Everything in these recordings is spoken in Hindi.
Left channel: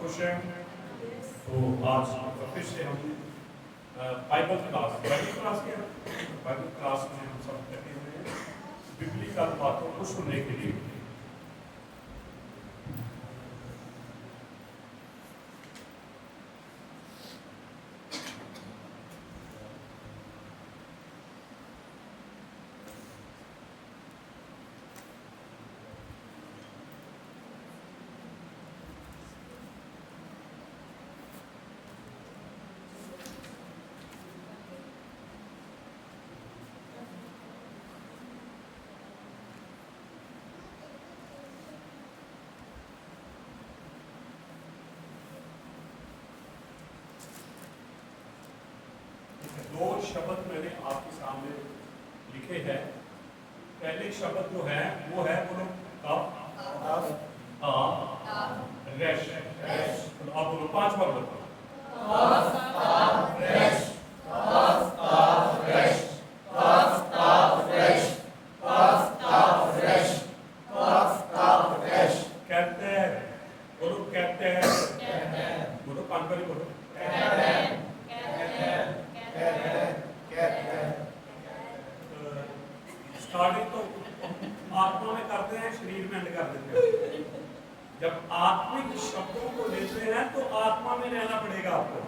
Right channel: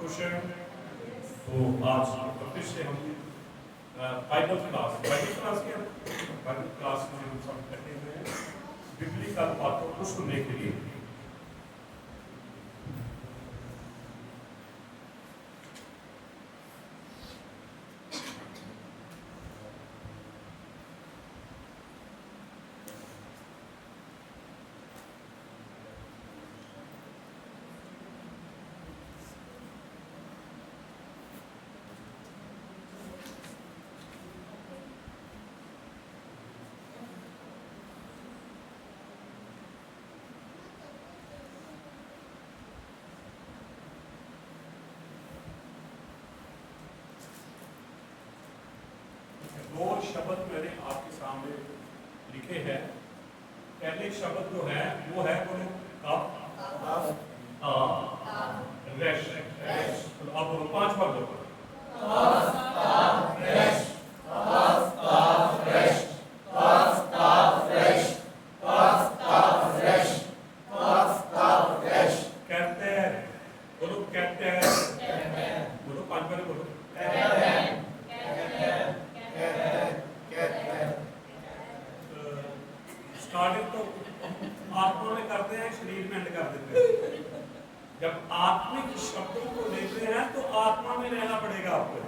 खुश हैं? तो आज फिर से हम बाइबल क्लास के बाइबल क्लास में हम सब इकट्ठे हुए हैं बिब्लिकल बातों को सुनने के लिए। दो शब्द मैंने आपके सामने लिखे हैं। पहले शब्द जो है वो है बोलो कब, रेश। तो आप बोलो 5 बार बोलो कहते हैं, बोलो कहते हैं, बोलो 5 बार बोलो स्टार्टिंग तो आत्मा में करते हैं, शरीर में एंड कर देते हैं। जब आत्मिक शब्दों को लेते हैं तो आत्मा में रहना पड़ेगा आपको।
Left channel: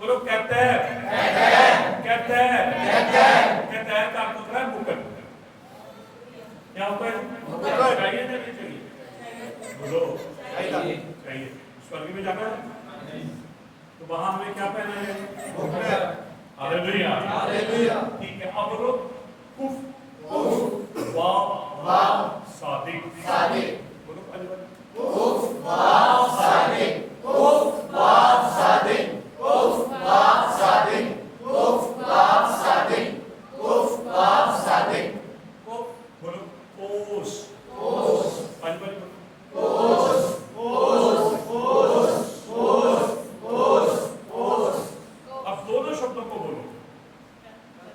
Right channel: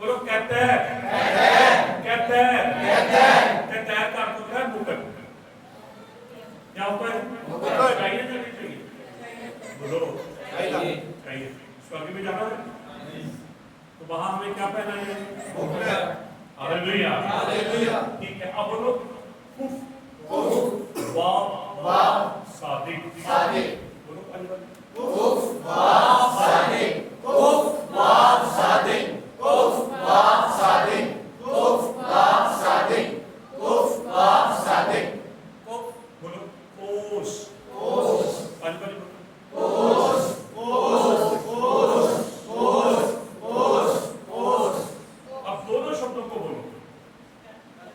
बोलो कहते हैं, कहते हैं, कहते हैं का अर्थ होता है मुकुट। क्या होता है? मुकुट। चाहिए या नहीं चाहिए? बोलो चाहिए। स्वर्ग में जाना है तो वहां हमें क्या पहना है? मुकुट। Hallelujah, hallelujah. ठीक है, अब बोलो कुफ, वाव, सादिक, बोलो कुफ, वाव, सादिक, कुफ, वाव, सादिक, कुफ, वाव, सादिक, कुफ, वाव, सादिक, कुफ, वाव, सादिक, कुफ, बोलो कोस, पांच बार बोलो कोस। अब दोनों शब्दों को बोलो।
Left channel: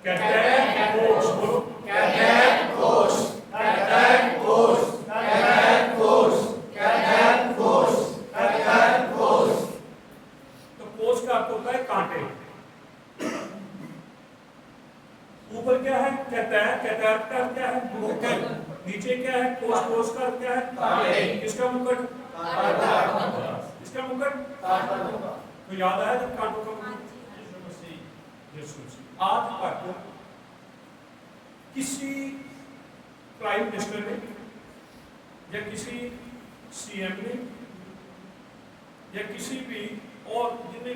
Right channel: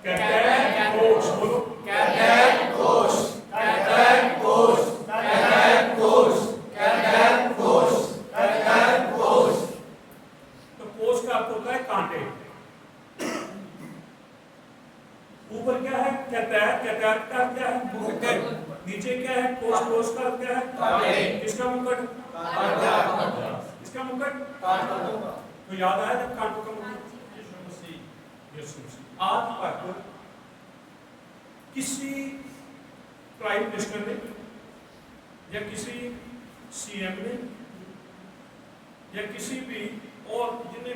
कहते हैं कोश, बोलो कहते हैं कोश, कहते हैं कोश, कहते हैं कोश, कहते हैं कोश, कहते हैं कोश। तो कोश का अर्थ होता है कांटे। ऊपर क्या है? कहता है, कहता है का अर्थ क्या है? मुकुट। नीचे क्या है? कोश, कोश का अर्थ क्या है? कांटे। किसका मुकुट? किसका मुकुट? तो याद आया जब कांटों का मुकुट? यीशु मसीह। आज तक किसी प्राइम मिनिस्टर ने या किसी सीएम ने या किसी भी और जितने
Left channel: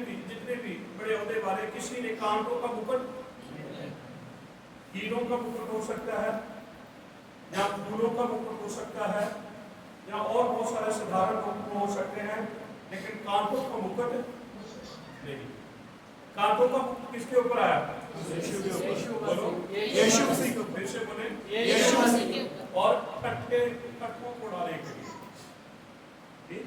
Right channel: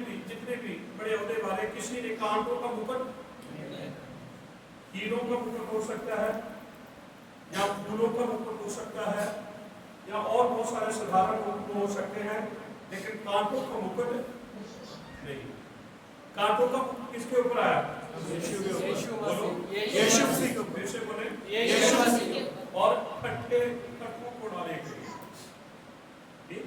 भी बड़े ओहदे वाले किसी ने कांटों का मुकुट, हीरों का मुकुट हो सकता है या फूलों का मुकुट हो सकता है या और बहुत सारे साधारण मुकुट हो सकते हैं, लेकिन कांटों का मुकुट नहीं। कांटों का मुकुट किसके ऊपर आया? यीशु के ऊपर। बोलो यीशु मसीह के ऊपर। से बोले यीशु मसीह। और खट्टों को डालने के लिए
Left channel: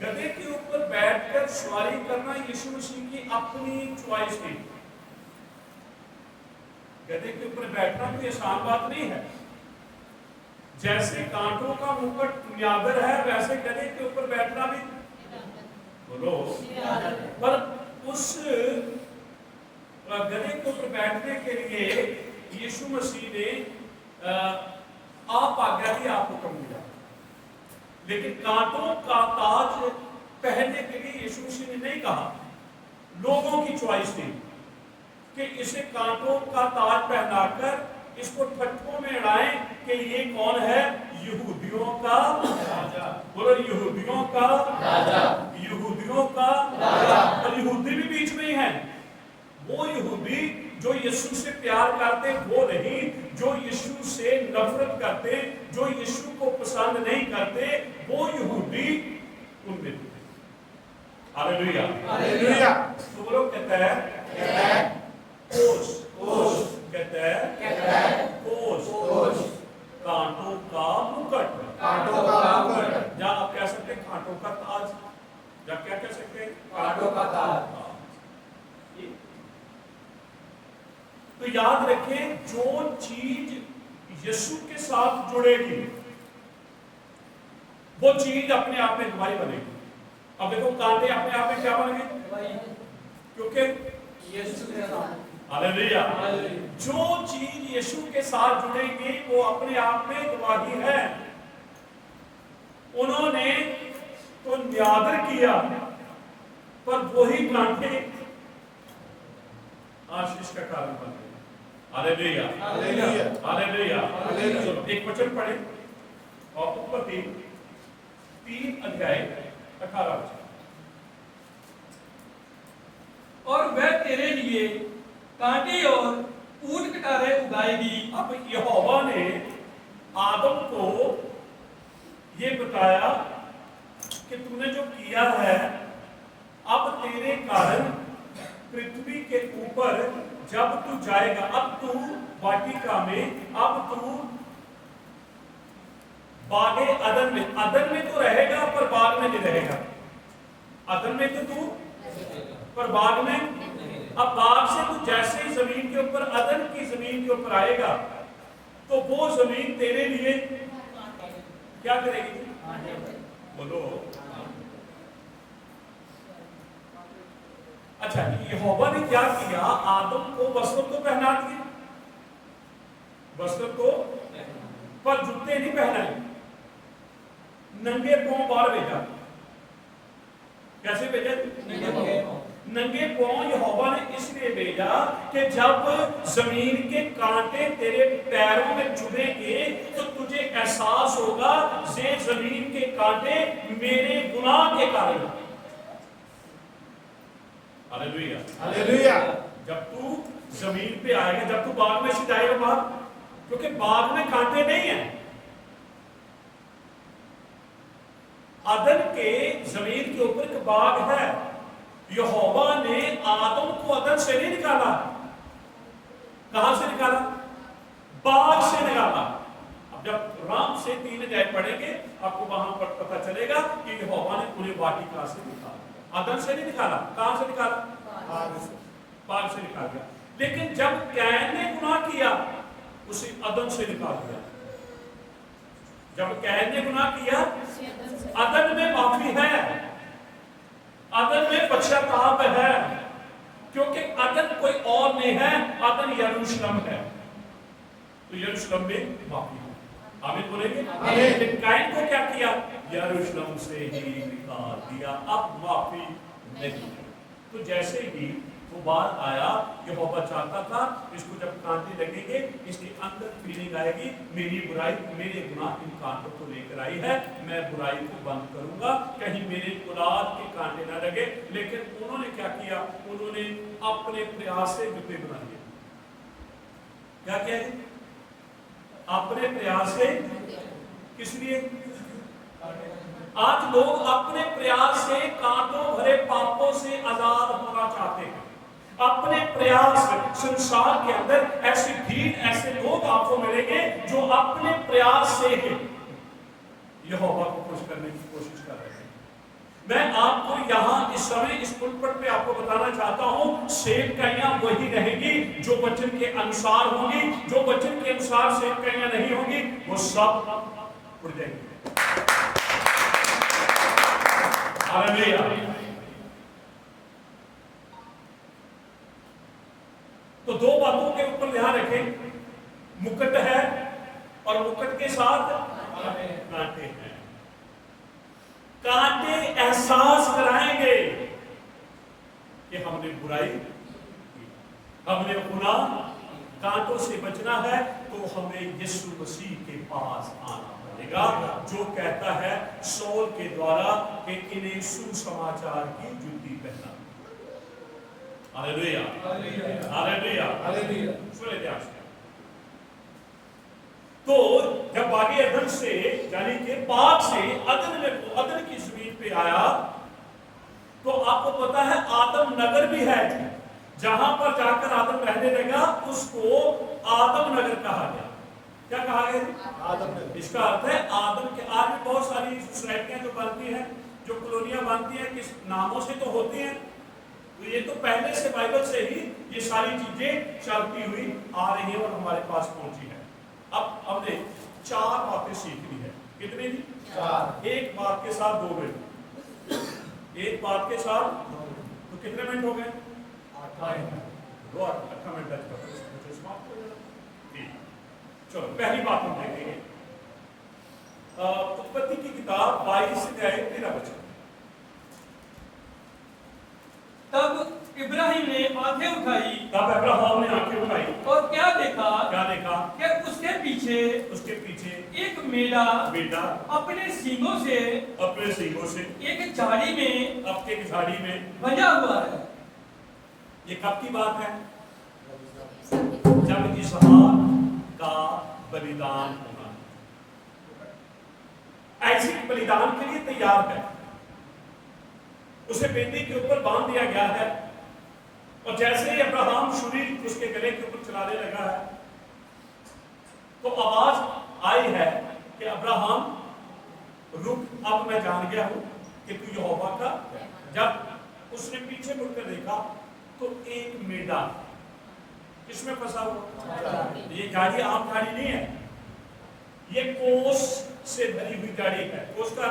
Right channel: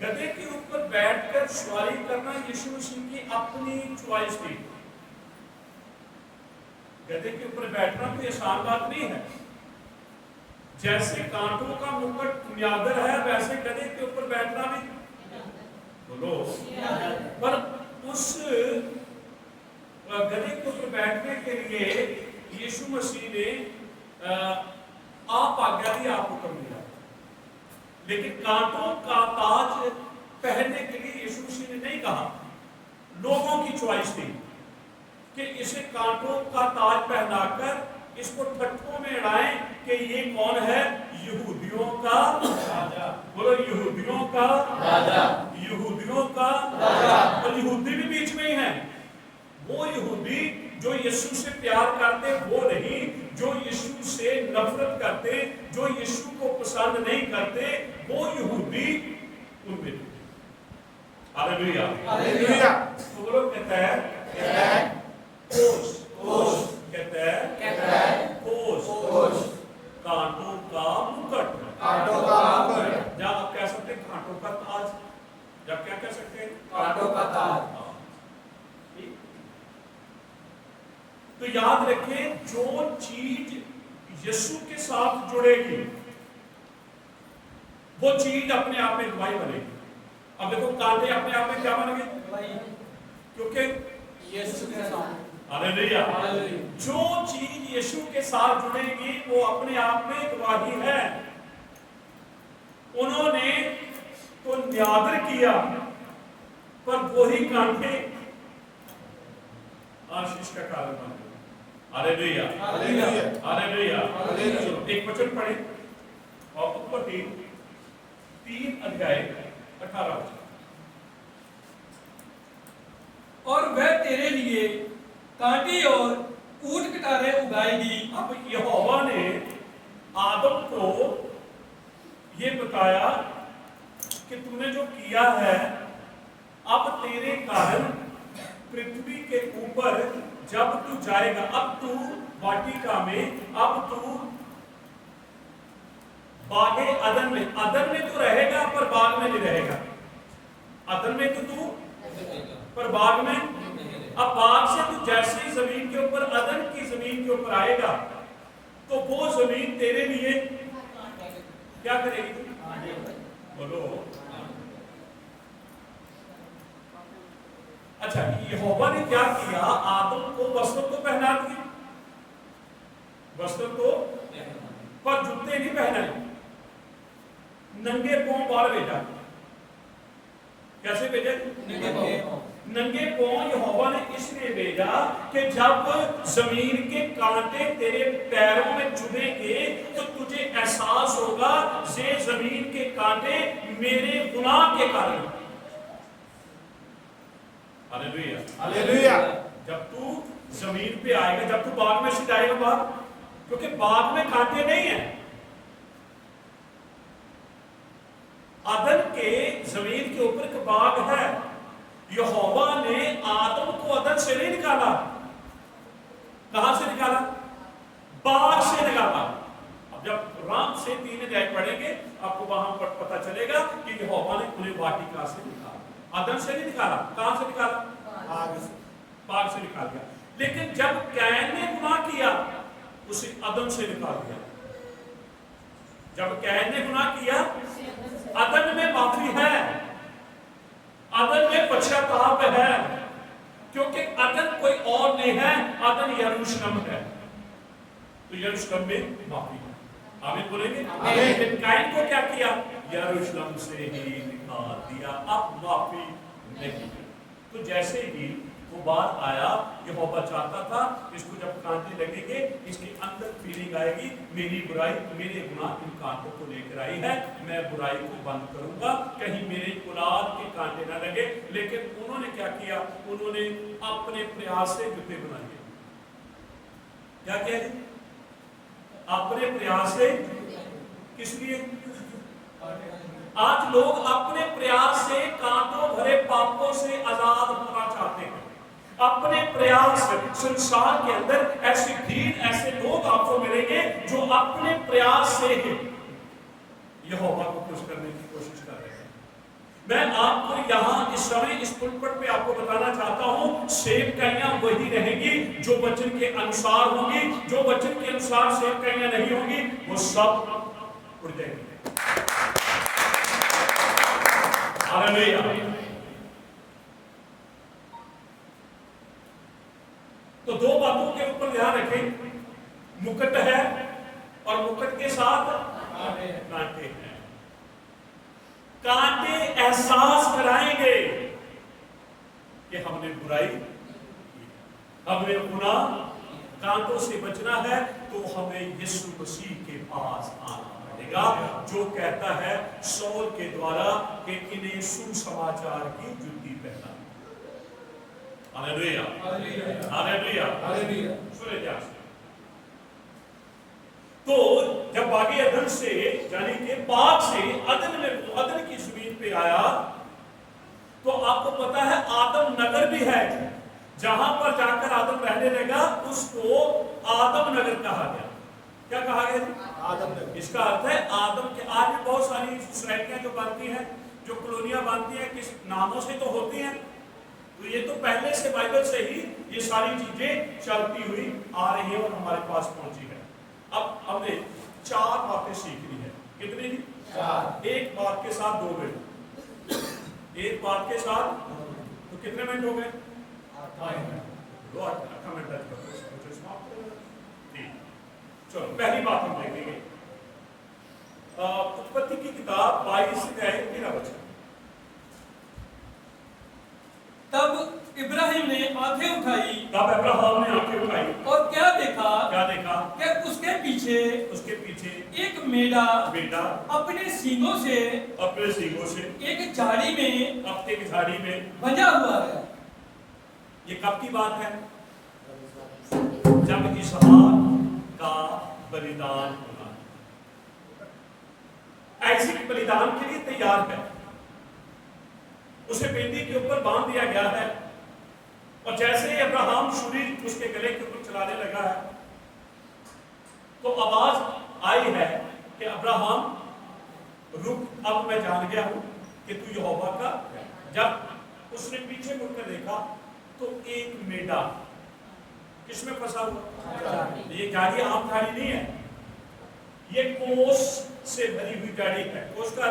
गधे के ऊपर बैठकर सवारी करना यीशु मसीह की अपनी चॉइस थी। गधे के ऊपर बैठना कोई आसान बात नहीं है। जैसे कांटों का मुकुट न्यादर है, वैसे गधे के ऊपर बैठना भी, बोलो, पर उस गधे के ऊपर बैठने के लिए यीशु मसीह ने आप आज्ञा दी, आप हुक्म दिया। लेकिन कांटों का ताज पहनने के लिए यीशु मसीह ने नहीं कहा। लोगों की चॉइस थी कि इसे कांटों का ताज पहनाकर इसको ठट्ठों में अड़ाएं कि ये कौन है? यहूदियों का राजा। बोलो यहूदियों का राजा, यहूदियों का राजा। और यहूदी भी बीच में ही है। वो यहूदी जो यीशु से प्यार करते वो नहीं, जो यीशु से नफरत करते, जो यीशु को पसंद नहीं करते, वो यहूदी उनमें। Hallelujah, hallelujah. तो वो लोग कहता है कोस, कहता है कोस, कांटों का मुकुट, कांटों का मुकुट। या आप कह सकते हैं कांटों का ताज, या क्या कह सकते हैं? कांटों का ताज। तो याद रखें, जो चीज यीशु के साथ जुड़ेगी वो चीज अपने आप में गवाही बनेगी। अब देखो कांटे अपने आप में क्या बन गए? क्योंकि हालेलुया, जो चीज यीशु के साथ जुड़ेगी वो अपने आप में गवाही है। उन्होंने तो न्यादर किया, पर वही कांटे आशीष का कारण बन गए। Hallelujah, hallelujah, hallelujah, hallelujah. एक वचन पढ़े और उत्पत्ति 3 अध्याय 18 वचन। और वह तेरे लिए कांटे और ऊंट कटारे उगाएगी। अब यहोवा ने आदम को ये बताया कि तूने जो किया है, अब तेरे कारण पृथ्वी के ऊपर जब तू जाएगा, अब तू वाटिका में, अब तू बागे अदन में तो रहेगा, पर बाग में नहीं रहेगा। अदन में तो तू, पर बाग में। अब बाग से तू जैसे ही जमीन के ऊपर, अदन की जमीन के ऊपर आएगा, तो वो जमीन तेरे लिए क्या करेगी? बोलो। अच्छा, यहोवा ने क्या किया? आदम को वस्त्र तो पहना दिए, वस्त्र तो, पर जूते नहीं पहनाए, नंगे पांव बाहर भेजा। कैसे भेजा? नंगे पांव यहोवा ने इसलिए भेजा कि जब जमीन के कांटे तेरे पैरों में चुभेंगे तो तुझे एहसास होगा ये जमीन के कांटे मेरे गुनाह के कारण। Hallelujah, hallelujah. जब तू जमीन पे आएगा, जब तू बाग में से जाएगा बाहर, क्योंकि बाग में कांटे नहीं है। अदन के जमीन के ऊपर एक बाग है। यहोवा ने आदम को अदन से नहीं निकाला। कहां से निकाला? बाग से निकाला। अब जब राम से 3 अध्याय पढ़ेंगे आपको वहां पर पता चलेगा कि यहोवा ने उन्हें वाटिका से निकाला, अदन से नहीं निकाला। कहां से निकाला? बाग से निकाल दिया। लेकिन जब कैन ने गुनाह किया, उसे अदन से निकाल दिया। जब कैन ने गुनाह किया, अदन में माफी है, अदन में पश्चाताप है, क्योंकि अदन कोई और नहीं है, अदन यरूशलेम है। तो यरूशलेम में माफी है। आमीन बोलेंगे? लेकिन कैन को क्या किया? यरूशलेम से ही निकाल दिया, अब माफी नहीं। तो जैसे ही वो बात आया, यहोवा चाहता था इसको जब कांटे लगेंगे, इसके अंदर फीलिंग आएगी, मेरी बुराई, मेरे गुनाह इन कांटों को लेकर आई है, मैं बुराई को बंद करूंगा, कहीं मेरे औलाद के कांटे ना लगे। लेकिन उन्होंने क्या किया? उन्होंने अपने प्रयास से जूते बना लिए। क्या किया? अपने प्रयास से। किस लिए? आज लोग अपने प्रयास से कांटों भरे पापों से आजाद होना चाहते हैं। अपने प्रयास से संसार के अंदर ऐसी भीड़, ऐसे लोग आपको मिलेंगे जो अपने प्रयास से यहोवा को खुश करने की कोशिश कर रहे हैं। मैं आपको यहां इस समय इस पुलपट पे आपको बताना चाहता हूं, सेवकाइयां वही रहेगी जो वचन के अनुसार होंगी। जो वचन के अनुसार सेवकाइयां नहीं होंगी, वो सब उड़ जाएंगी। हालेलुया। तो 2 बातों के ऊपर ध्यान रखें, मुकुट है और मुकुट के साथ कांटे हैं। कांटे एहसास कराएंगे कि हमने बुराई की, हमने गुनाह। कांटों से बचना है तो हमें यीशु मसीह के पास आना पड़ेगा, जो कहता है शौल के द्वारा कि इन्हें सुसमाचार की जुत्ती पहना। Hallelujah, hallelujah, hallelujah. सुने ध्यान से। तो जब बागे अदन से, यानी कि बाग से अदन की जमीन पे आया, तो आपको पता है आदम नगर भी है। जहां पर जाकर आदम रहने लगा उसको आदम नगर कहा गया। क्या कहा गया? आदम नगर। इसका अर्थ है आदम के। आज भी बहुत सारी सोसाइटियां जो बनती हैं, जो कॉलोनियां बनती हैं, किस नामों से तो होती हैं। तो ये तो पहले से बाइबल से ही ये सारी चीजें चलती हुई आ रही है और हमारे पास पहुंची है। अब हमने 4 बातें सीखनी है। कितनी? एक बाप के साथ 2 बेटे, एक बाप के साथ, तो कितने मिनट हो गए? 8 मिनट समाप्त हो गया। ठीक, चलो पहली बात हम देखेंगे उत्पत्ति की किताब 22 से 13 वचन। तब इब्राहिम ने आंखें उठाई, तब अब्राहम ने आंखें उठाई और क्या देखा कि उसके पीछे एक मेढ़ा अपने सींगों से एक झाड़ी में बंधा हुआ है। ये कब की बात है? जब इसहाक का बलिदान होना है, आइज़िक बलिदान के लिए तैयार है, उसे बेदी के ऊपर बांध दिया गया है, और जैसे ही अब्राहम छुरी उसके गले के ऊपर चलाने लगा है तो आवाज आई है कि अब्राहम रुक, अब मैं जान गया हूं कि तू यहोवा का। जब उसने पीछे मुड़कर देखा तो एक मेढ़ा किसमें फंसा हुआ? ये गाड़ी आम गाड़ी नहीं है, ये कोस से भरी हुई गाड़ी है। कोस का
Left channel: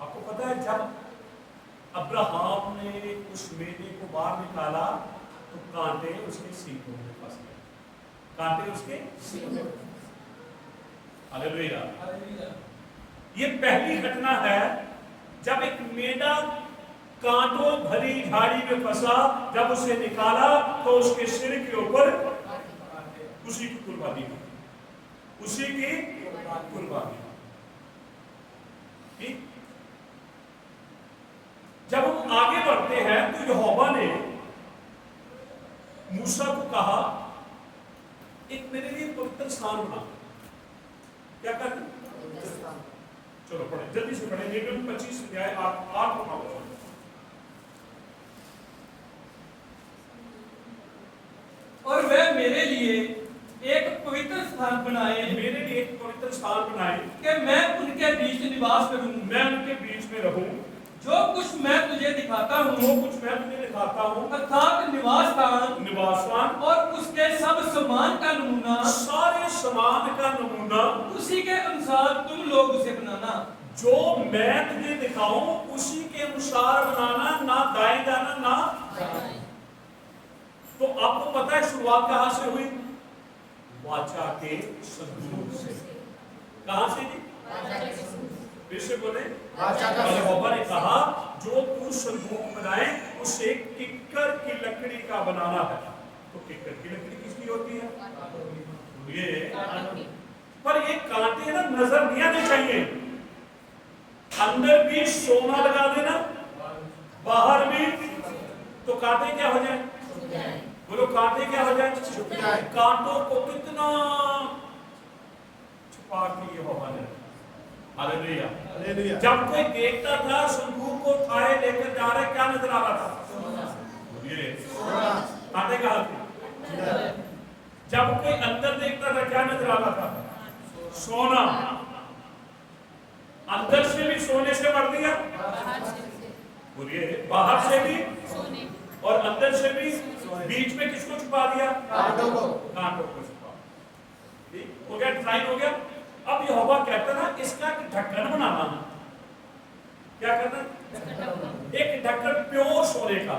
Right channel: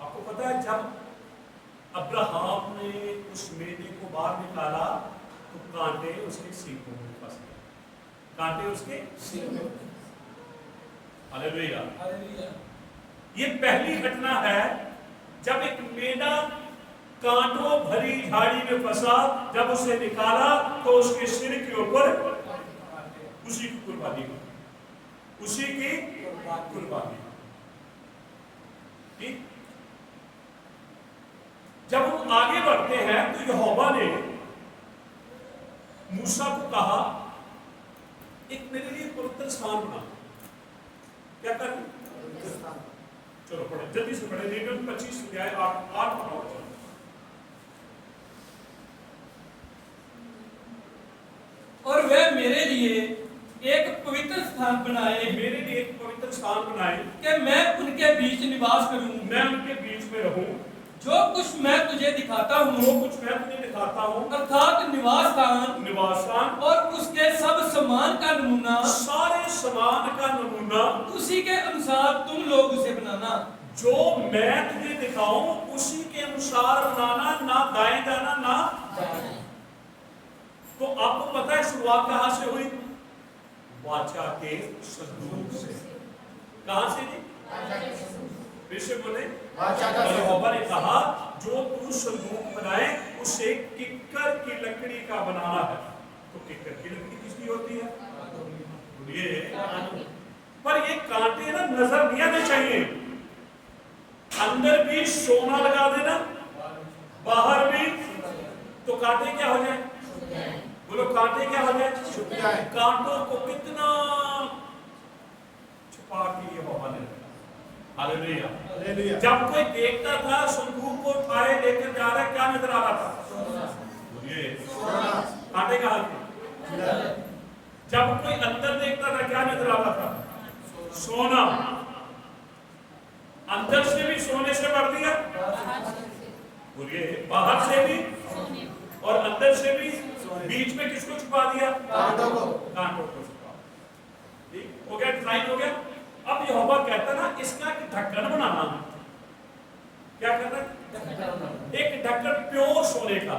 आपको पता है, जब अब्राहम ने उस मेढ़े को बाहर निकाला तो कांटे उसके सींगों में फंस गए, कांटे उसके सींगों। हालेलुया। ये पहली घटना है जब एक मेढ़ा कांटों भरी झाड़ी में फंसा, जब उसे निकाला तो उसके सिर के ऊपर उसी की कुर्बानी हुई, उसी की कुर्बानी। ठीक, जब हम आगे बढ़ते हैं तो यहोवा ने मूसा को कहा एक मेरे लिए पवित्र स्थान बना। क्या करना? चलो पढ़े, जल्दी से पढ़े, लेवियन 25 अध्याय 8 पढ़ो। और वे मेरे लिए एक पवित्र स्थान बनाए, कि मैं उनके बीच निवास करूं, मैं उनके बीच में रहूं, जो कुछ मैं तुझे दिखाता हूं, अर्थात निवास स्थान और उसके सब सामान का नमूना, सारे सामान का नमूना उसी के अनुसार तुम लोग उसे बनाना। जो मैं तुझे दिखाऊं उसी के अनुसार बनाना, ना दाएं जाना ना। तो आपको पता है शुरुआत कहां से हुई? वाचा के संदूक से। कहां से थी? फिर से बोले, यहोवा ने कहा जो तू संदूक बनाए उसे किक्कर की लकड़ी का बनाना है। तो किक्कर की लकड़ी किसकी होती है? ये पर ये कांटे ना नजर नहीं आने चाहिए। अंदर भी सोना लगा देना, बाहर भी, तो कांटे क्या हो जाए? बोलो, कांटे क्या हो जाए? कांटों को कितना छुपा के यहोवा ने रखा। हालेलुया। जब कोई देखता था संदूक को उठाए लेकर जा रहा है, क्या नजर आ रहा था? बोलिए, कांटे का हाथ। जब कोई अंदर देखता था, क्या नजर आ रहा था? सोना। अंदर से भी सोने से भर दिया, बोलिए, बाहर से भी और अंदर से भी। बीच में किसको छुपा दिया? कांटों को छुपा। ठीक हो गया, ट्राइन हो गया। अब यहोवा कहता ना इसका एक ढक्कन बनाना। क्या करना? एक ढक्कन प्योर सोने का,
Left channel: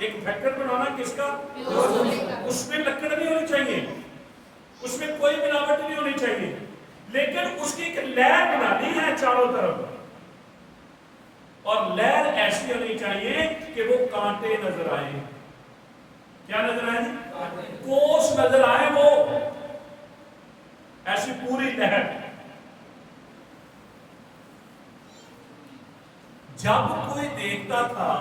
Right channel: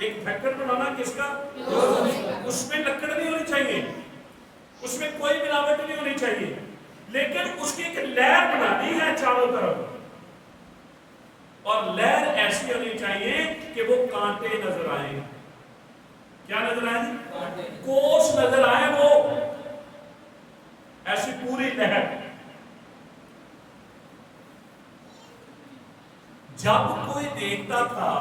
एक ढक्कन बनाना। किसका? उसमें लकड़ नहीं होनी चाहिए, उसमें कोई मिलावट नहीं होनी चाहिए, लेकिन उसकी एक लहर बनानी है चारों तरफ, और लहर ऐसी होनी चाहिए कि वो कांटे नजर आए। क्या नजर आए? कोस नजर आए, वो ऐसी पूरी लहर। जब कोई देखता था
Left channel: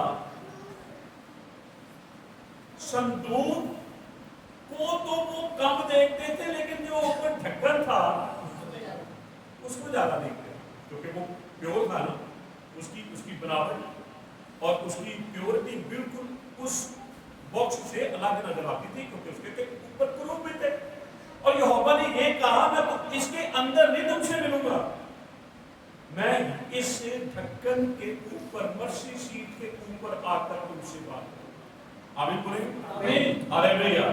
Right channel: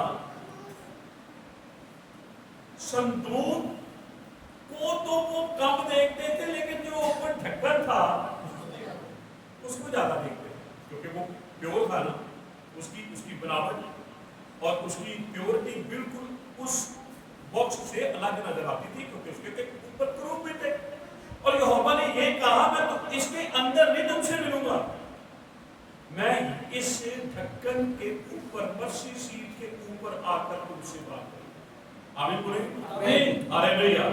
संदूक को तो वो कम देखते थे, लेकिन जो ऊपर ढक्कन था उसको ज्यादा देखते थे, क्योंकि वो प्योर था ना। उसकी बनावट और उसकी प्योरिटी बिल्कुल उस बॉक्स से अलग नजर आती थी, क्योंकि उसके ऊपर क्रूब भी थे। और यहोवा ने ये कहा, मैं तो इसके अंदर नहीं तुमसे मिलूंगा, मैं इस ढक्कन के ऊपर, मर्सी सीट के ऊपर आकर तुमसे बात करूंगा। आमीन बोलेंगे? हालेलुया।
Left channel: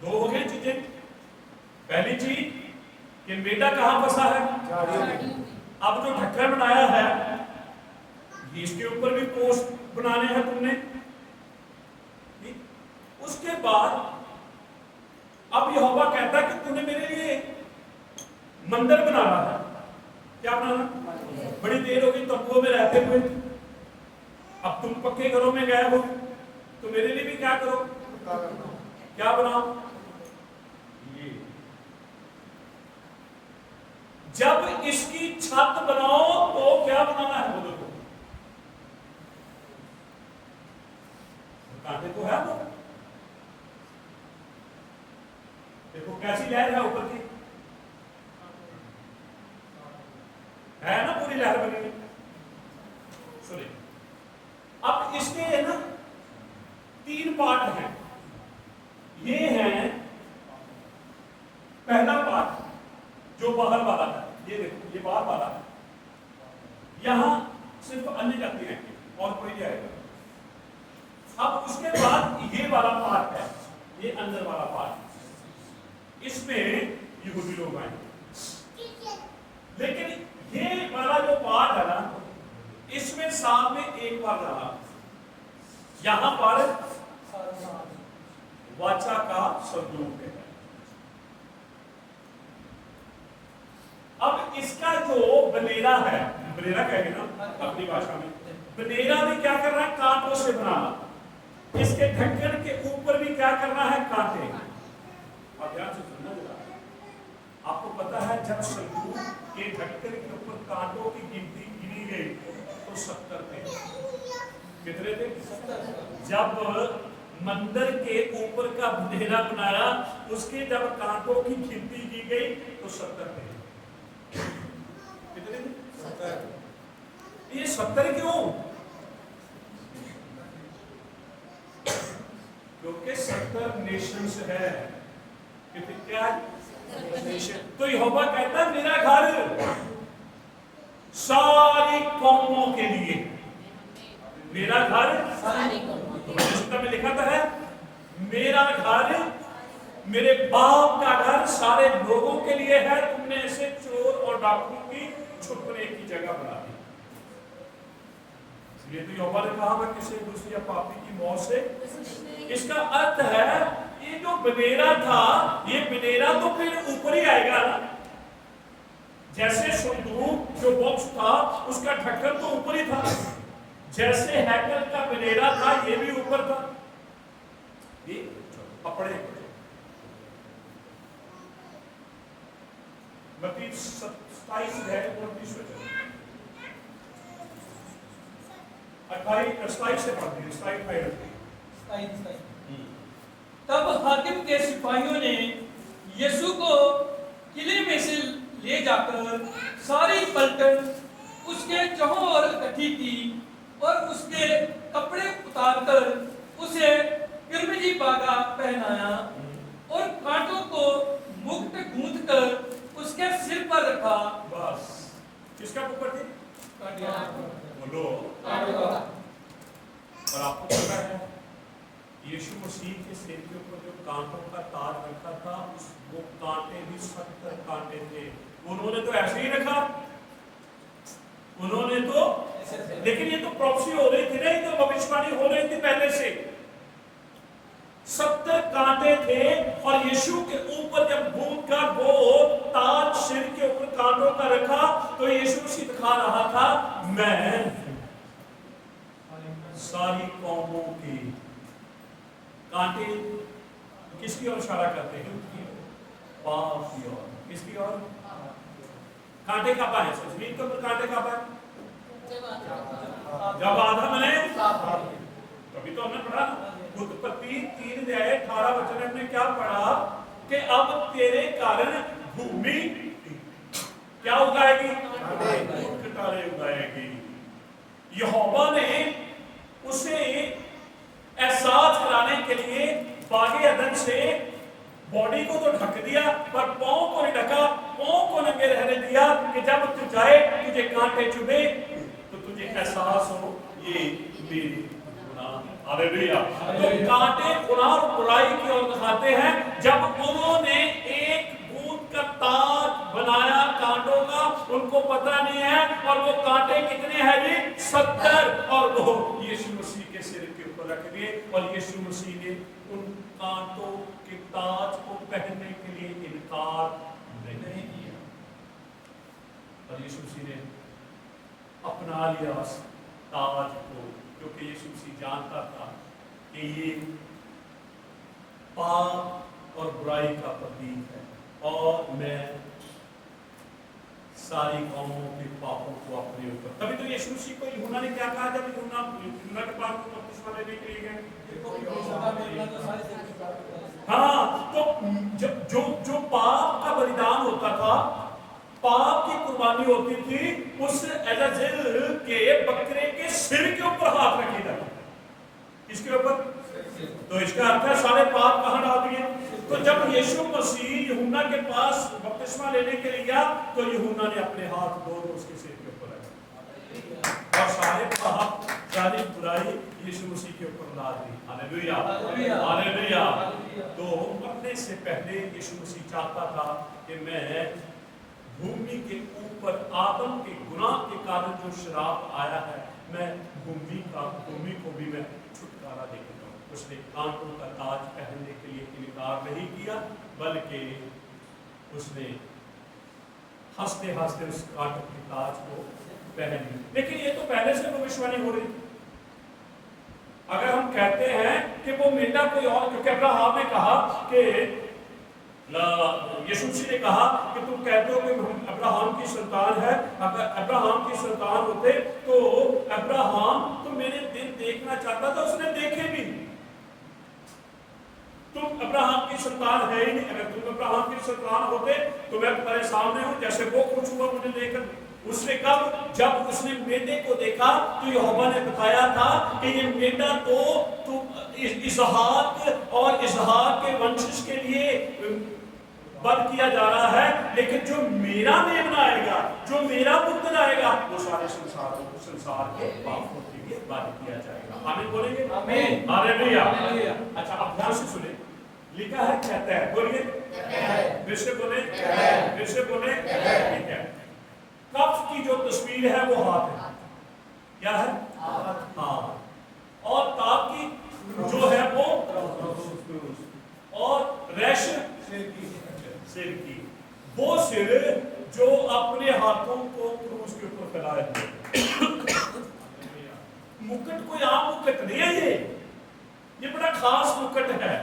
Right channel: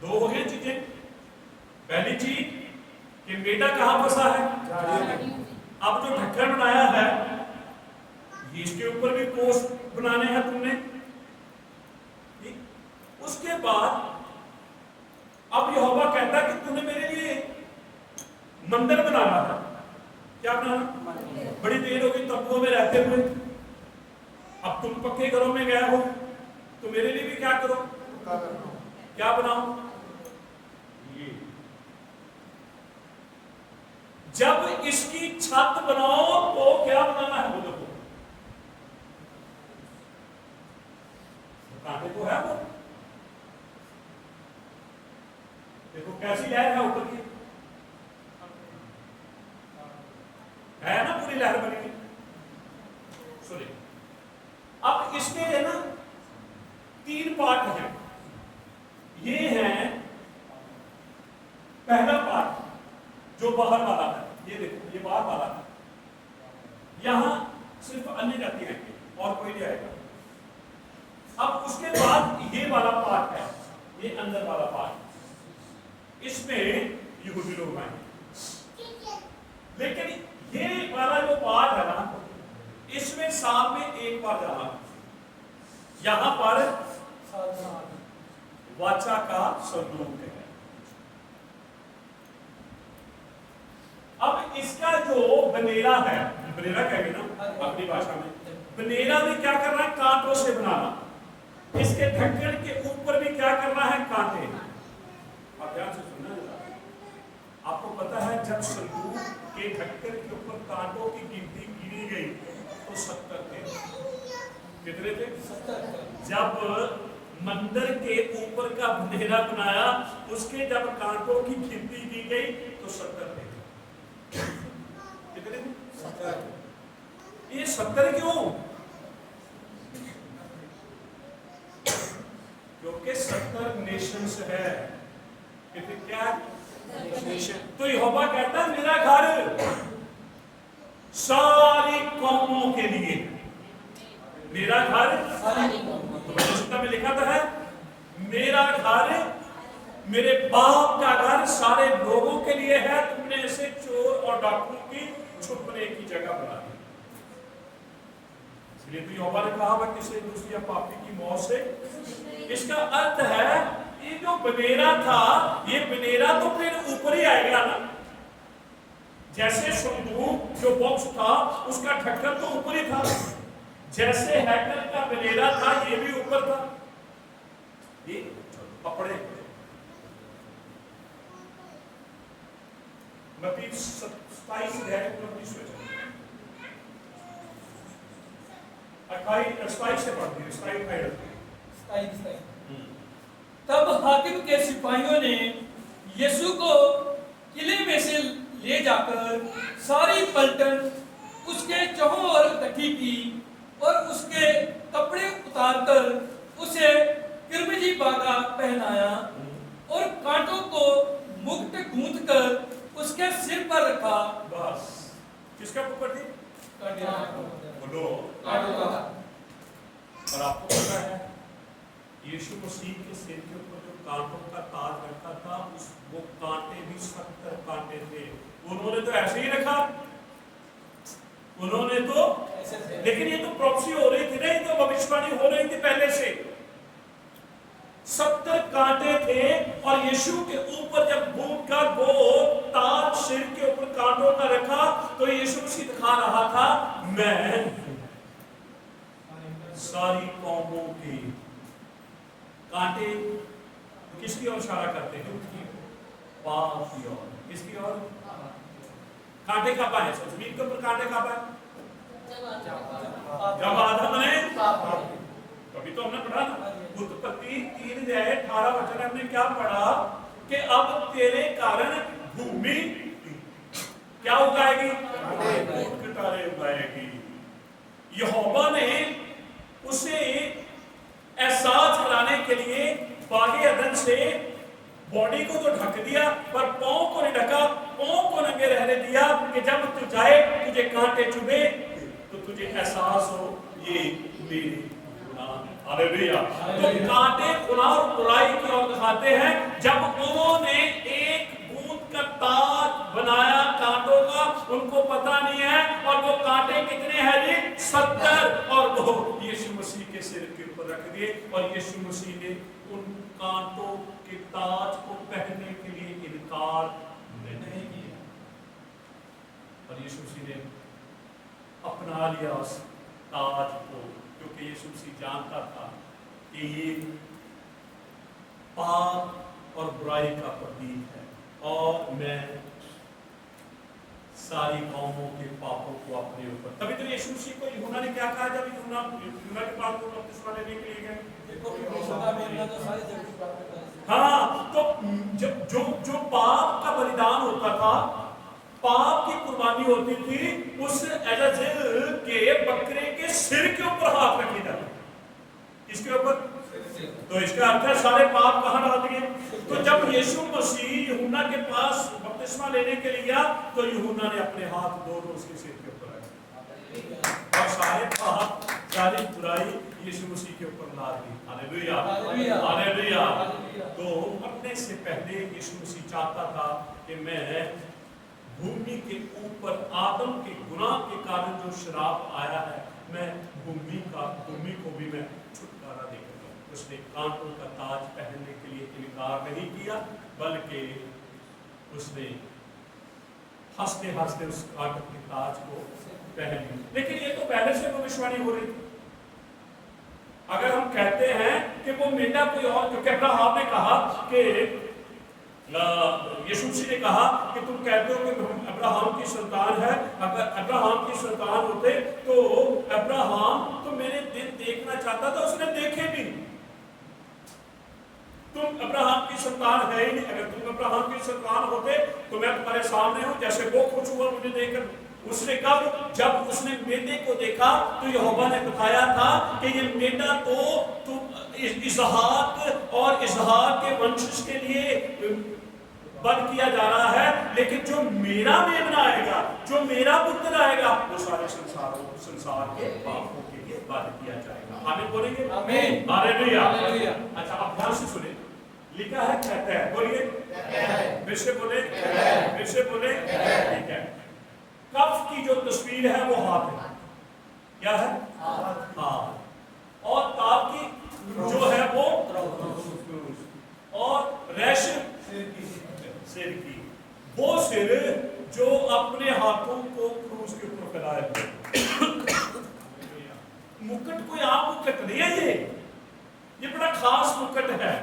दो हो गए चीजें। पहली चीज कि बेटा कहां फंसा है? अब जो ढक्कन बनाया है ये इसके ऊपर भी कोस बनाने हैं तुमने, ठीक। उसके बाद अब यहोवा कहता है कि तूने मेरे लिए मंदिर बनाना है। क्या बनाना? बड़ी देर हो गई तंबुओं में रहते हुए, अब तुम पक्के घरों में गए हो तो मेरे लिए भी क्या करो? क्या बनाओ? ये जब इसकी छत बनाओ तो क्या बनाना है? वो देखो कांटे तो है, वो देखो कैसी लहर है ऊपर की, है ना, पूरी लहर बनी हुई। सुनिए, अब इसके है ना 3 पार्ट हैं। ये है पहला पार्ट जो बाहर वाला है, ये देखो ये बाहर वाला है, यहां सिर्फ अन्य जाति है और कोई नहीं आएगा। अब उसके बाद ये वाला पार्ट है, ये अंदर वाला पार्ट, इसमें यहूदी लोग आएंगे। लेकिन ये वाला जो पार्ट है ना, इसमें साल में एक बार जाना, यहां पर वाचा का संदूक है। अब इसका जो बनेरा है, बनेरा कहेंगे ना अपनी भाषा में, बनेरा भी क्या करना है? कांटों से बनाना। इसके ढक्कन के ऊपर भी क्या करना है? कांटे। आप ध्यान से सुनना जरा, आपको पता है जब संदूक के ढक्कन के ऊपर कांटों की गिनती गिनी गई तो 70 थे। कितने थे? जब मंदिर के ऊपर का बनेरा बनाया, उसके जब कांटों की गिनती की गई तो 70 थे। कितने थे? 70। ये 70 क्यों? क्योंकि 70 नेशंस है। कितने? क्या नेशन? तो यहोवा कहता है मेरा घर सारी कौमों के लिए, मेरा घर तो में लिखा था है, मेरा घर मेरे बाप का घर सारे लोगों के लिए है। तुमने ऐसे चोर और डाकुओं की छुपने की जगह बना दी। इसलिए तो यहोवा ने कहा वह किसी दूसरी या पापी की मौत से। इसका अर्थ है ये जो बनेरा था, ये बनेरा तो फिर ऊपर ही आएगा ना। जैसे संदूक जो बॉक्स था उसका ढक्कन तो ऊपर ही था, जैसे हैकल का बनेरा था ये भी ऊपर था। ये कपड़े मत्ती 27 है, 28 से पढ़ती है, 27। तब हाकिम के सिपाहियों ने यीशु को किले में से ले जाकर सारी पलटन उसके चौहों ओर इकट्ठी की और उसके कपड़े उतारकर उसे किरमिजी बागा पहनाया और कांटों को मुकुट गूंथकर उसके सिर पर रखा। बस किसका ऊपर थी? बोलो। और आपको पता है यीशु मसीह के सिर के ऊपर जो कांटों का ताज रखा था, उस वो कांटे भी 70 कांटे थे। उन्होंने तो ऐसे ही रखा, उन्होंने तो, लेकिन ये तो प्रोफेसी हो रही थी ना, ये तो भविष्यवाणी हो रही थी पहले से। 70 कांटे थे और यीशु के ऊपर जब भूत का वो ताज सिर के ऊपर कांटों का रखा तो यीशु मसीह दिखा रहा था मैं सारी कौमों की। कांटे किसकी ओर इशारा करते हैं? पाप की ओर। किसकी ओर? कांटे कब आए? जमीन के ऊपर कांटे कब आए? जब आदम ने, कभी तो हमने पढ़ा उत्पत्ति 3:18 हमने क्या पढ़ा कि अब तेरे कारण भूमि क्या उगाएगी? तारे उगाएगी। यहोवा ने उसे एहसास कराने के लिए बागे अदन से बॉडी को तो ढक दिया पर पांव को नहीं ढका, पांव को नंगे रहने दिया कि जब तू जाए तुझे कांटे चुभे तो तुझे एहसास हो ये मेरी गुनाह। हालेलुया। तो कांटे गुनाह और बुराई की ओर दिखाते हैं। जब उन्होंने एक उनको पता नहीं है। और वो कांटे कितने हैं जी? 70। और वो यीशु मसीह के सिर के ऊपर रख दिए और यीशु मसीह ने उन कांटों के ताज को पहनने के लिए इनकार नहीं किया। और यीशु मसीह ने अपना लिया उस ताज को, क्योंकि यीशु मसीह जानता था कि ये पाप और बुराई का प्रतीक है और मैं सारी कौमों के पापों को अपने ऊपर। तभी तो यीशु मसीह को यूहन्ना ने क्या कहा जब यूहन्ना के पास बपतिस्मा लेने के लिए गए? हाँ, तो जब जो पाप का बलिदान होता था, पाप की कुर्बानी होती थी, उस एजाजिल के बकरे के सिर के ऊपर हाथ रखी जाती। इसके ऊपर तो इसका अर्थ है सारे पाप कहां डाल दिए। तो जब यीशु मसीह यूहन्ना के पास बपतिस्मा लेने के लिए गया तो यूहन्ना ने अपने हाथ दोनों उसके सिर के ऊपर रखे और सारे पाप सारी बुराई यीशु मसीह के ऊपर ला दी। Hallelujah, hallelujah. तो मरने से पहले यीशु मसीह चाहता था कि मैं भूमि के ऊपर आदम के गुनाह के कारण जो श्राप आया है, मैं भूमि को भी मैं छुटकारा देगा। उसने कांटों का ताज पहनने के लिए इनकार नहीं किया, बल्कि उसने हंसते हंसते उस कांटों के ताज को पहन लिया। लेकिन ये तो पहले से भविष्यवाणी हो रही थी। अगर हम कहते हैं कि वो मेंढा कोई और, क्योंकि अब्राहम ने कहा कि यीशु मसीह ने कहा कि तुम कहते हो कि अब्राहम की संतान है, अगर अब्राहम की संतान होते तो अब्राहम तो मेरे दिन देखना चाहता था, उसने देखे भी। तुम अब्राहम की संतान है ही नहीं। अगर तुम अब्राहम की संतान होते तो मैं तुम्हारे सामने हूं, जैसे वो खुश हुआ मुझे देखकर। उसने कब? जब उसने मेंढे को देखा तो यहोवा ने बताया था कि ये मेंढा तो इसहाक और इसहाक के वंशज के लिए बंद किया जा रहा है, लेकिन जो मेरा मेमना आएगा, जो मेरा पुत्र आएगा, वो सारे संसार के पापों के लिए बंद किया जाएगा। आमीन बोलेंगे? आमीन, हालेलुया। अच्छा, अब ध्यान से सुने, लिखा है कहता है, बोलिए फिर से बोले, फिर से बोले। ठीक है, कफ की जो तस्वीर है वो हाथ है। क्या है? हाथ। और ताप की जो है वो, और रैश सिर की, वो सिर जो अपने हाथों को क्रूस के ऊपर फैलाए हुए। मुकुट कोई आम मुकुट नहीं है, ये बड़ा खास मुकुट है।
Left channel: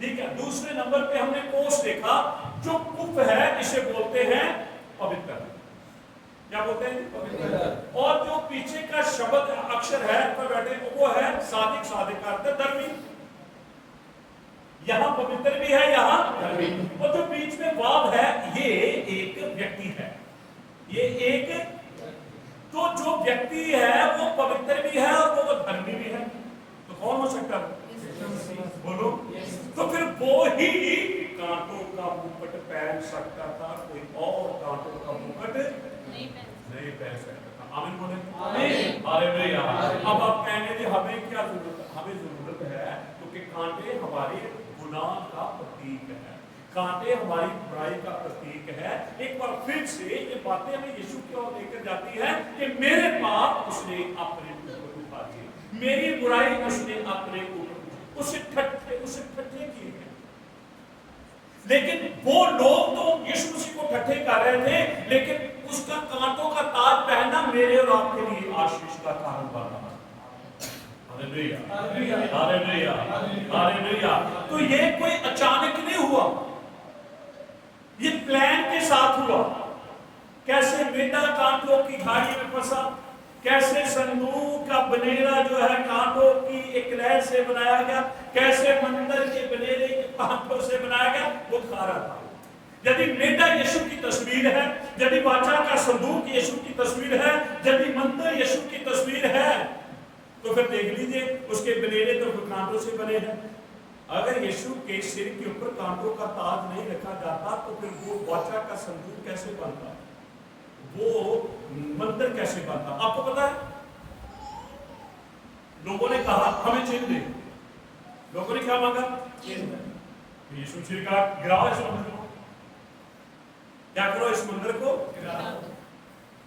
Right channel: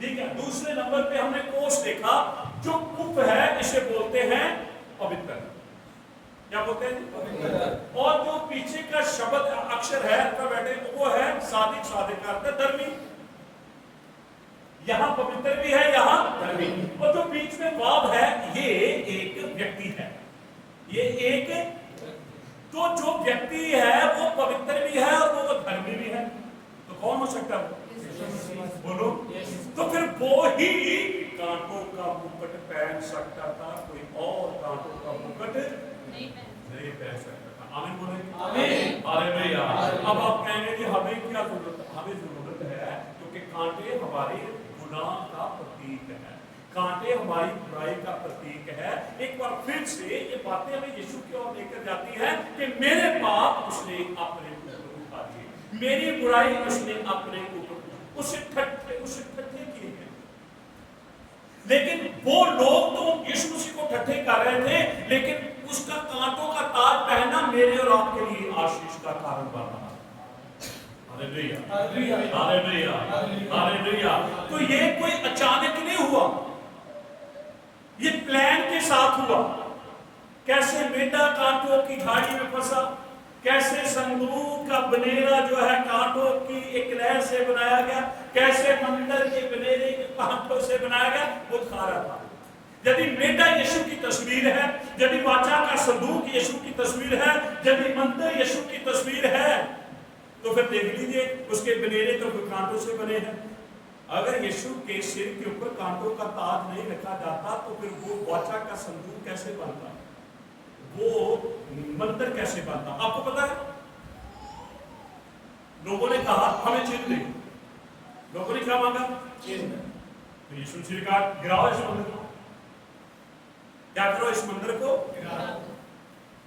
ठीक है, दूसरे नंबर पे हमने कोस देखा। जो कुफ है इसे बोलते हैं पवित्र। क्या बोलते हैं? और जो पीछे का शब्द अक्षर है बैठे वो है सादिक। सादिक का अर्थ धर्मी। यहां पवित्र भी है, यहां धर्मी। और जो बीच में वाव है ये एक व्यक्ति है। ये एक, तो जो व्यक्ति है वो पवित्र भी है और वो धर्मी भी है। तो कौन हो सकता है? बोलो। तो फिर वो ही कांटों का मुकुट पहन सकता था, कोई और कांटों का मुकुट नहीं पहन सकता था। आमीन बोलेंगे? आमीन, हालेलुया। अब आप कहेंगे कि हमें क्या जरूरत है? हमें जरूरत है क्योंकि कांटे हमारे गुनाह का प्रतीक है, कांटे हमारी बुराई का प्रतीक है। एक बार फिर से ये बातें हमें यीशु की ओर लेकर जाती है कि मेरे पाप उसने अपने ऊपर उठा लिए, मेरी बुराई उसने अपने ऊपर उसे ठट्ठे किए हैं। लेकिन वो लोग तो यीशु मसीह को ठट्ठे कर रहे थे, लेकिन उसका कांटों का ताज पहनना मेरे और आपके लिए आशीष का कारण बन रहा है। Hallelujah, hallelujah, hallelujah. तो ये कोई अचानक नहीं हुआ, ये प्लान के साथ हुआ। कैसे मेंढा कांटों की झाड़ी में फंसा, कैसे संदूक का बनेरा जो है कांटों की एक लहर से बनाया गया, कैसे मंदिर के बनेरे के कांटों से बनाया गया, वो खा रहा था। यदि मेंढा यीशु की तस्वीर है, यदि वाचा का संदूक यीशु की तस्वीर है, यदि मंदिर यीशु की तस्वीर है, तो फिर देख लीजिए उसके बनेरे तो कांटों से बने हैं। अगर यीशु के सिर के ऊपर कांटों का ताज नहीं रखा जाता तो फिर वो वाचा का संदूक कैसे बनता, वो मंदिर कैसे बनता? आपको पता है, लोगों ने कहा हमें चिन्ह दे। लोगों ने क्या मांगा? चिन्ह। यीशु ने कहा गिराओ इस मंदिर को। क्या करो? इस मंदिर को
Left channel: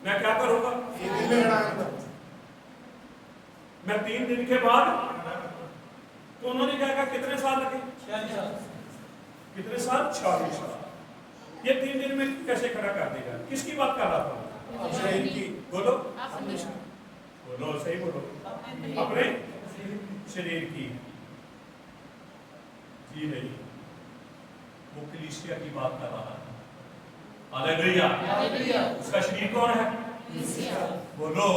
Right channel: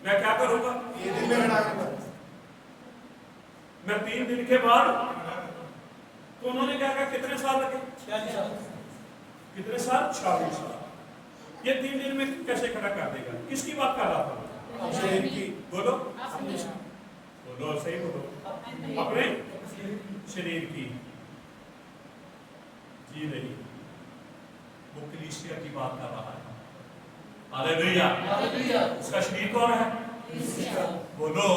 मैं क्या करूंगा? 3 दिन में हटा दूंगा। मैं 3 दिन के बाद, तो उन्होंने क्या कहा कितने साल लगे? कितने साल? 40 साल। ये 3 दिन में कैसे खड़ा कर देगा? किसकी बात कर रहा था? शरीर की। बोलो बोलो, सही बोलो। अपने शरीर की जी नहीं, वो कलीसिया की बात कर रहा है। हालेलुया। उसका शरीर कौन है? बोलो,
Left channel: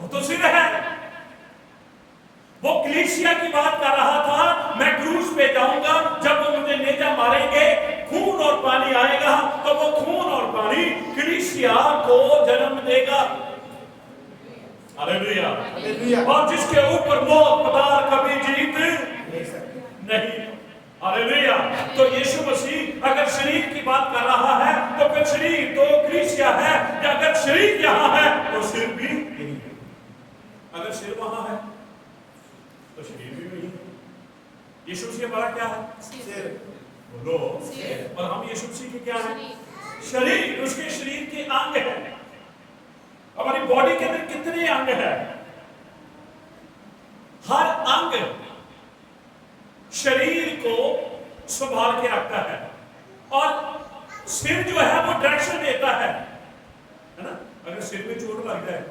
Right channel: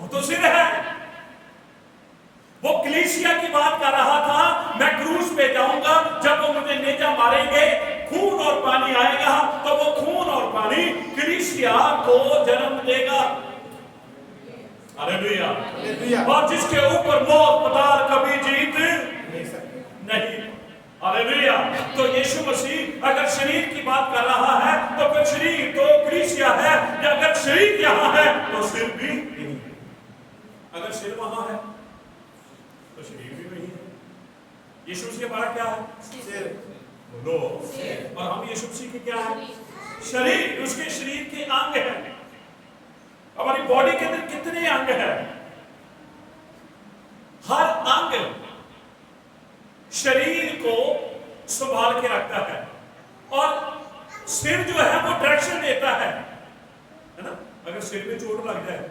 वो तो सिर है। वो कलीसिया की बात कर रहा था। मैं क्रूस पे जाऊंगा, जब वो मुझे नेजा मारेंगे, खून और पानी आएगा, तो वो खून और पानी कलीसिया को जन्म देगा। हालेलुया। और जिसके ऊपर मौत पताल कभी जीत नहीं। हालेलुया। तो यीशु मसीह अगर शरीर की बात कर रहा है, तो फिर शरीर तो कलीसिया है, या अगर शरीर यहाँ है तो सिर भी यही है। अगर सिर वहां है तो शरीर भी वही है। यीशु मसीह हमारा क्या है? सिर। बोलो। और हम यीशु मसीह के क्या है? शरीर। उसके शरीर के अंग है। हमारी बॉडी के अंदर कितने अंग है? हर अंग शरीर को संभाल के रखता है, और सिर जो है वो डायरेक्शन देता है ना। अगर सिर पे चोट लग जाए,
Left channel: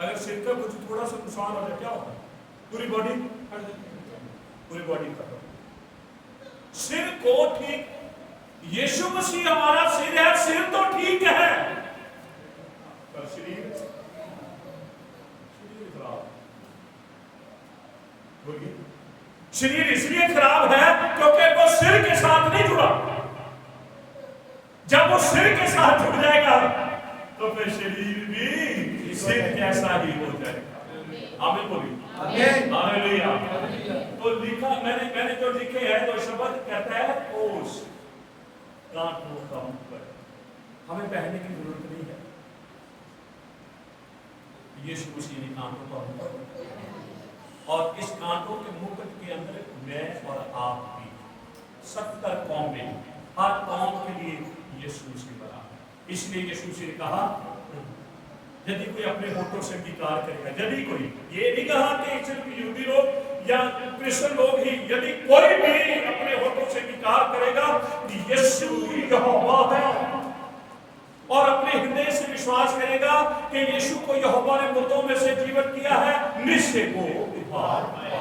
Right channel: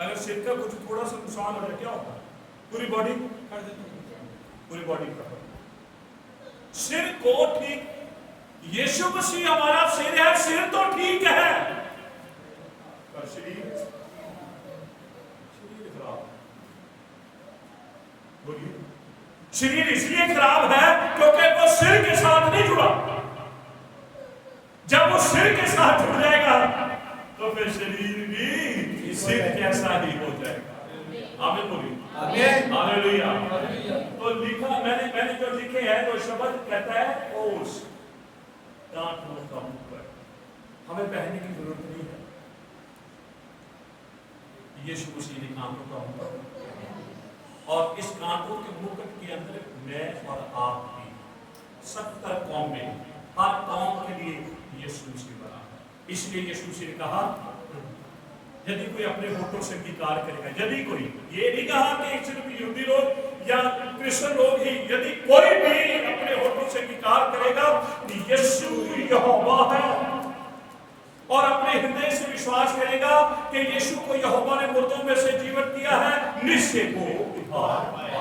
अगर सिर का कुछ थोड़ा सा नुकसान हो जाए, क्या होगा? पूरी बॉडी का सिर को ठीक। यीशु मसीह हमारा सिर है। सिर तो ठीक है, पर शरीर खराब। बोलिए। शरीर इसलिए खराब है क्योंकि वो सिर के साथ नहीं जुड़ा। जब वो सिर के साथ जुड़ जाएगा तो फिर शरीर भी सिर जैसा ही हो जाएगा। आमीन बोलिए। हालेलुया। तो लिखा मैंने जो लिखे हैं, तो शब्द कहता है ओस, कांटों का मुकुट। हमें पहनने की जरूरत नहीं है। यीशु मसीह ने कांटों का मुकुट, और इस कांटों के मुकुट के अंदर मैं और आप भी 70 कौमें, हर कौम के लिए यीशु मसीह बना है। इसलिए यीशु मसीह ने कहा, यदि कोई अपने होठों से अंगीकार करेगा, यदि कोई, ये नहीं कहा कि सिर्फ यहूदी लोग या क्रिश्चियन लोग ही, यदि कोई भी अपने होठों से अंगीकार करेगा कि यीशु यहोवा है, और अपने हृदय से विश्वास करेगा कि यीशु को यहोवा ने मुर्दों में से जीवित किया है, निश्चय को उद्धार पाएगा।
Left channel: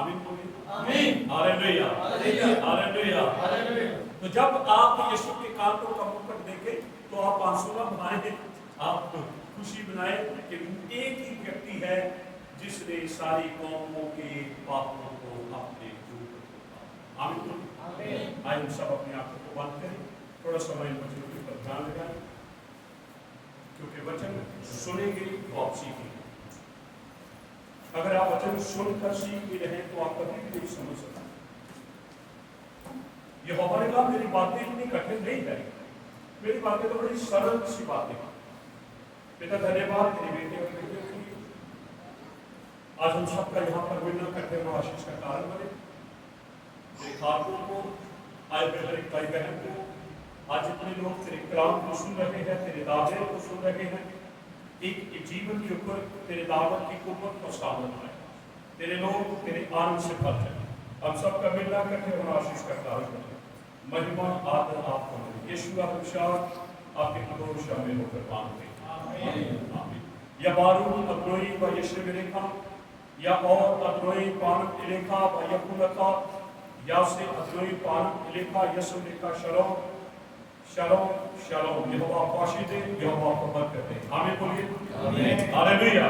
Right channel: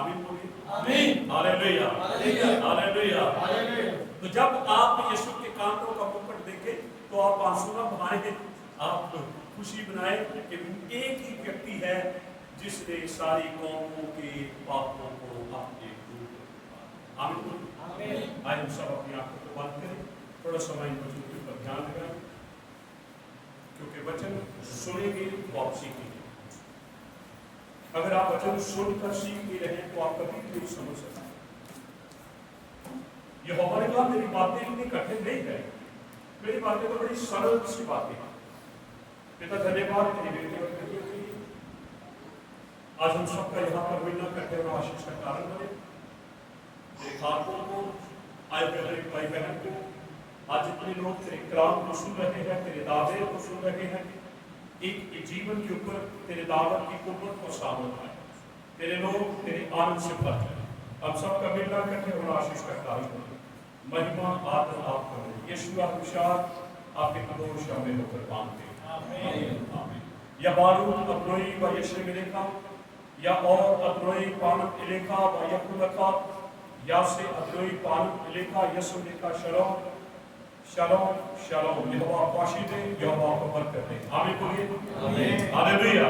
आमीन बोलिए। आमीन। हालेलुया। हालेलुया। तो जब आप यीशु के कांटों का मुकुट देखें, तो आप आंसू न बहाएं, आप खुशी बनाए कि एक ही व्यक्ति है जिसने सारी कौमों के पापों को अपने ऊपर। आमीन। आइए हम सब अपनी आंखों को बंद करें, थोड़ा समय इन वचनों के ऊपर ध्यान लगाएं, क्योंकि वचन सुनेंगे तो आप सीखेंगे। अगर आप वचन सुनकर सीख भी रहे तो आप कभी भी नहीं समझ सकते। ये हमारे कहा मेरी बातें इतनी कठिन नहीं है, मेरी बातें तो बड़ी सरल सी बातें हैं। बेटा धन्यवाद मेरी बेटी और बेटियों के लिए। आज हम सबका यहाँ पर मिलना करते हुए आशीष का कारण बने। मेरे खातों को, आए हर एक भाई बहन को, आज जितने लोग तेरे कलाम को सुन रहे हैं, तेरे दावे को सुन रहे हैं, एक जीवन के ऊपर तेरे दावत की कुव्वत को सामने आए, तेरे लोग तेरे आनंद से भर जाए। हम सबका मिलना करते हुए आशीष का कारण बने। महिमा आदर आपको मिले। यीशु अभिषार आपके कदों शामिल होकर मांगते हैं। या बारूद अब्रोई व यशे मिलेखा, या और अब्रोई पानक इलेखा व यकुलका, या से अब्रोई पानक इलेखा यसु लेखा शलोम शलोम शलोम। यहोवा आशीष दे, यहोवा आपको बरकत दे। आमीन बोलिए। हालेलुया।